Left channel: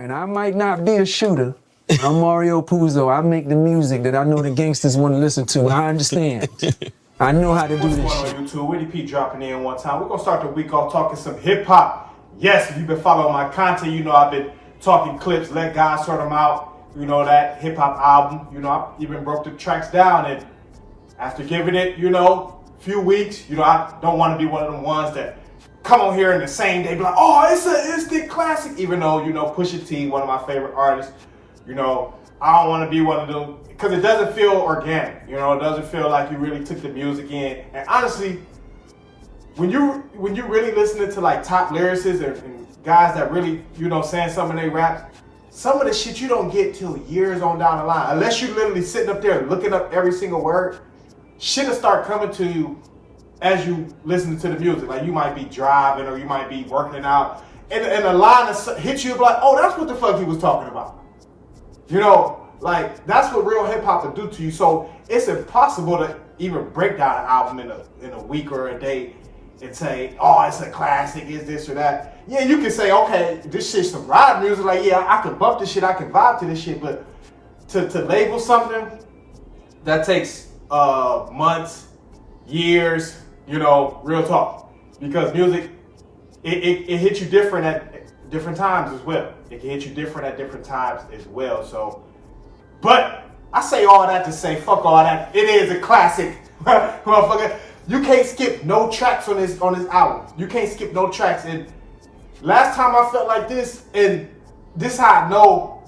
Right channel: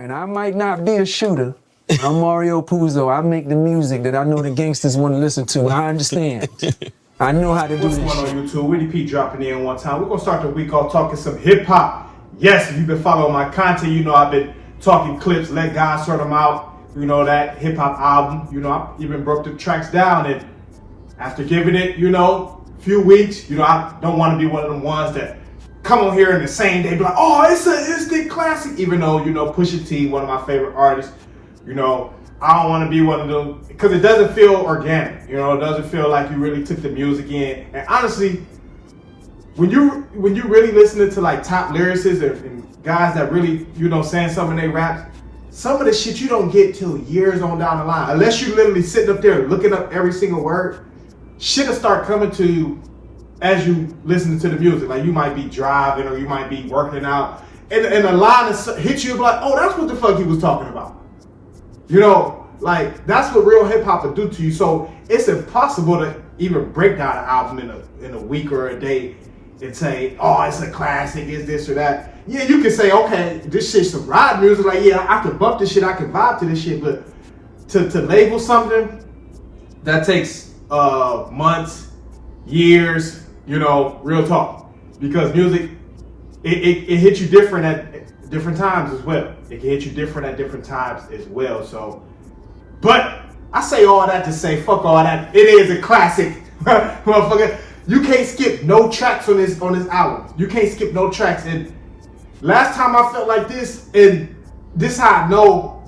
And I might not be a shooter. I'm Mario Puzo. I make the music that I know the gangsters want to listen to. I understand. I know how to do this shit. What's going on YouTube? Willie P dropping in one time. We're going to start the week off talking some hip hop. Yes, if you've been following my content, you know I've been talking Clipse, Let God Sort Them Out. You know, that hip hop album. You know, I even broke the tracks down. And after giving it, a few weeks, I don't want to be one of them ones that come on here in the same day, be like, oh, it's an instant classic. Even though, Pusha T, one of my favorite artists, I don't want to be one of them because it doesn't feel organic. It doesn't feel like you really took the music in. And honestly, when you really listening to like top lyricists and guys that really, saying something in they raps, some of the shit you don't get till years on down the line. Unless you literally sitting up there looking up every single word, shit will start coming to you as you listen to the music. Like you might be driving or you might be working out, and the line hits you like, oh, that's what the fuck he was talking about. Like that's what real hip hop will do to you. So it's impossible to even break down an album in a week or a day and say, oh, it's a classic, it's this or that. Yeah, you can say, okay, this shit's some ride music. Like, yeah, I can bump this shit, I can vibe to this shit, but to label something that takes months, years, real talk. Because music, it hits you different at different times as well. It can hit you different at different times as well. So, but I say all that to say, fuck all that. It is a classic, motherfucker. You can't skip no tracks on this album. You can't skip no tracks. And last time I felt like this, and this how I know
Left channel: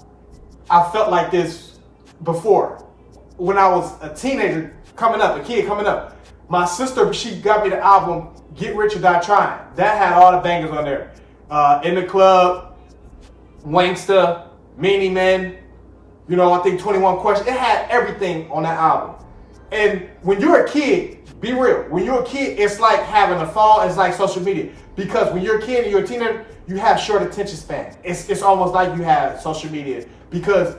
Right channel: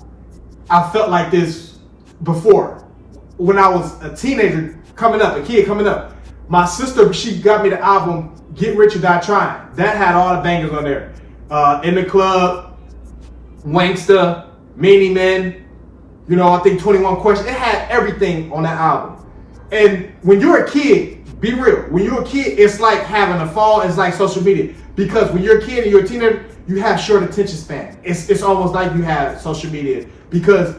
I felt like this before. When I was a teenager a kid coming up, my sister, she got me the album Get Rich or Die Trying. That had all the bangers on there. In the Club, Wanksta, Meanie Men, I think 21 Questions. It had everything on that album. And when you're a kid, be real. When you're a kid, it's like having a phone. It's like social media. Because when you're a kid and you're a teenager, you have short attention span. It's almost like you have social media. Because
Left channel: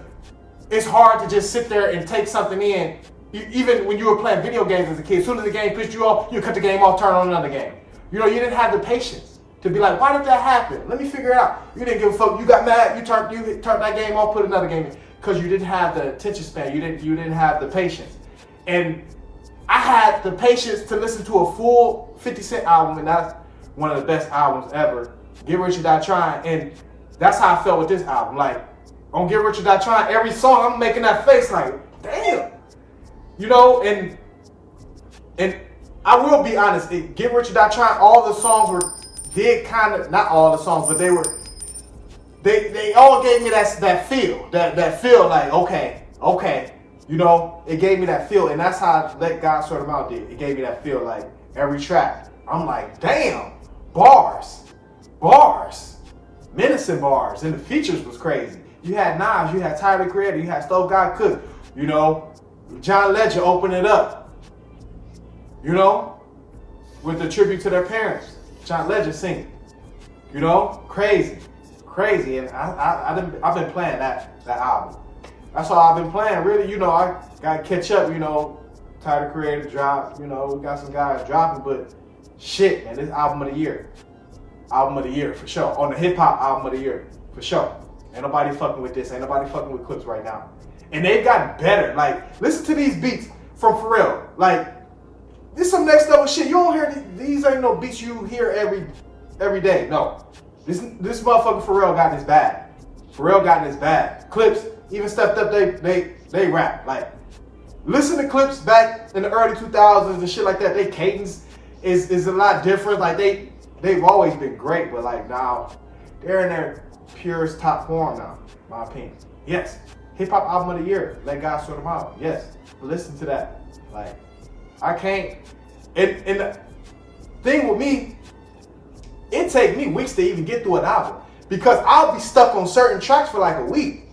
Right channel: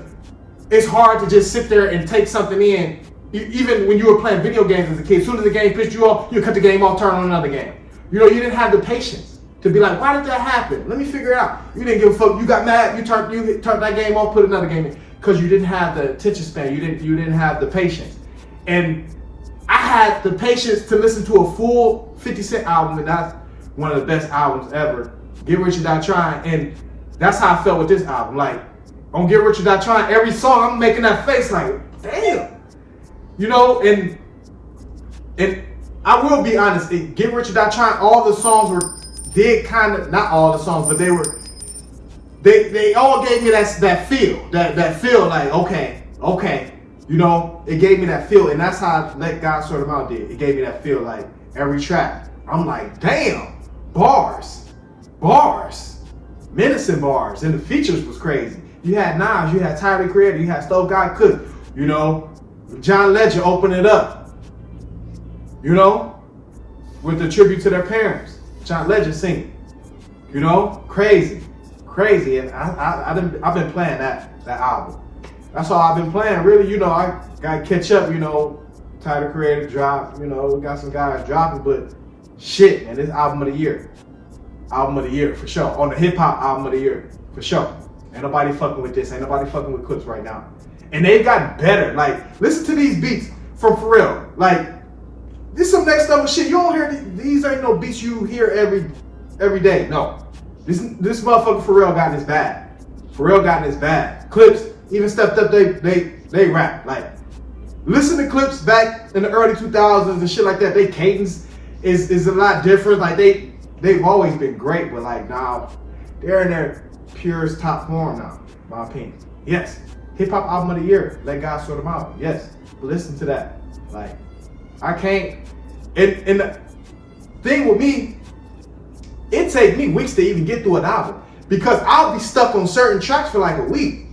it's hard to just sit there and take something in. Even when you were playing video games as a kid, as soon as the game pissed you off, you cut the game off, turn on another game. You didn't have the patience to be like, why did that happen? Let me figure it out. You didn't give a fuck. You got mad. You turned that game off, put another game in. Because you didn't have the attention span. You didn't have the patience. And I had the patience to listen to a full 50 Cent album, and that's one of the best albums ever. Get Rich or Die Trying, and that's how I felt with this album. Like, on Get Rich or Die Trying, every song I'm making that face like, damn. And I will be honest, Get Rich or Die Trying, all the songs did kind of, not all the songs, but they all gave me that feel, that feel like, okay. It gave me that feel, and that's how Let God Sort Them Out did. It gave me that feel, like every track. I'm like, damn, bars, menacing bars, and the features was crazy. You had Nas, you had Tyler the Creator, you had Stove God Cook, John Legend opened it up, with the tribute to their parents. John Legend singing, crazy, and I've been playing that album. That's all I've been playing. Really, I gotta catch up, Tyler the Creator dropped, we got some guys dropping, but shit, man, this album of the year. Album of the year, for sure. On the hip hop album of the year, for sure. Ain't nobody fucking with this. Ain't nobody fucking with Clipse right now. And they've gotten better. Like, listen to these beats from Pharrell. Like, this some next level shit. You don't hear these ain't no beats you hear every day. No. This motherfucker Pharrell got in his bag. Clipse even stepped up they rap. Like, listen to Clipse back in the early 2000s and shit like that. They cadence is a lot different. Like, they've always been great, but like now they're in their purest top form now, in my opinion. Yes. Hip hop album of the year, Let God Sort Them Out. Yes. But listen to that. Like, I can't, and the thing with me, it take me weeks to even get through an album because I'll be stuck on certain tracks for like a week.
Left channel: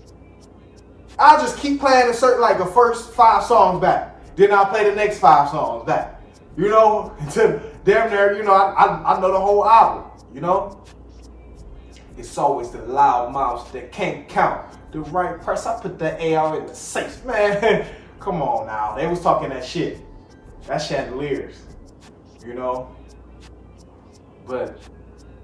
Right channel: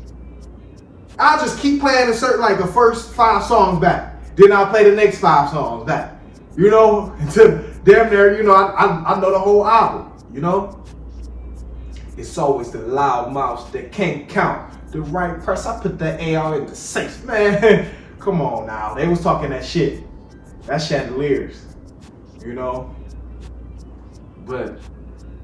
I'll just keep playing the first 5 songs back. Then I'll play the next 5 songs back. Until damn near, I know the whole album, It's always the loud mouths that can't count the right price. I put that AR in the safe, man. Come on now. They was talking that shit. That chandeliers, But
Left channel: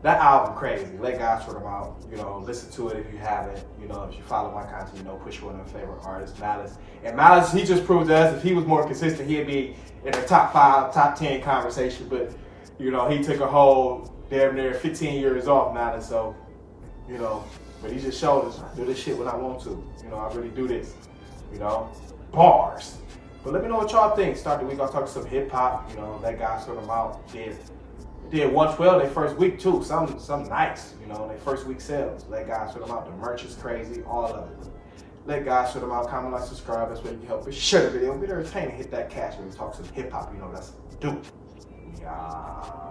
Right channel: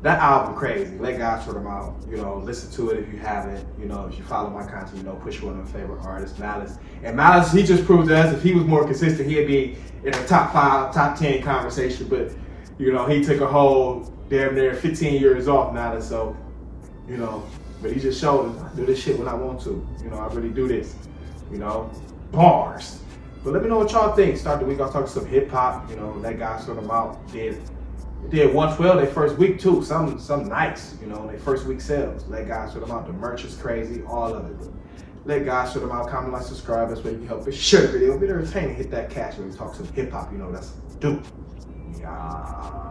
that album crazy. Let God sort them out. You know, listen to it if you haven't. You know, if you follow my content, you know, Pusha, one of my favorite artists, Malice. And Malice, he just proved to us if he was more consistent, he'd be in the top 5, top 10 conversation. But, you know, he took a whole damn near 15 years off, Malice. So, you know, but he just showed us I do this shit when I want to. You know, I really do this. You know, bars. But let me know what y'all think. Start the week off talking some hip hop. You know, that guy sort them out. Did 112 their first week too. Some nights, you know, their first week sales. Let guys sort them out. The merch is crazy, all of it. Let guys sort them out. Comment, like, subscribe. That's where you can help us share the video. Be entertaining. Hit that cash when we talk some hip hop. You know, that's do. Yeah.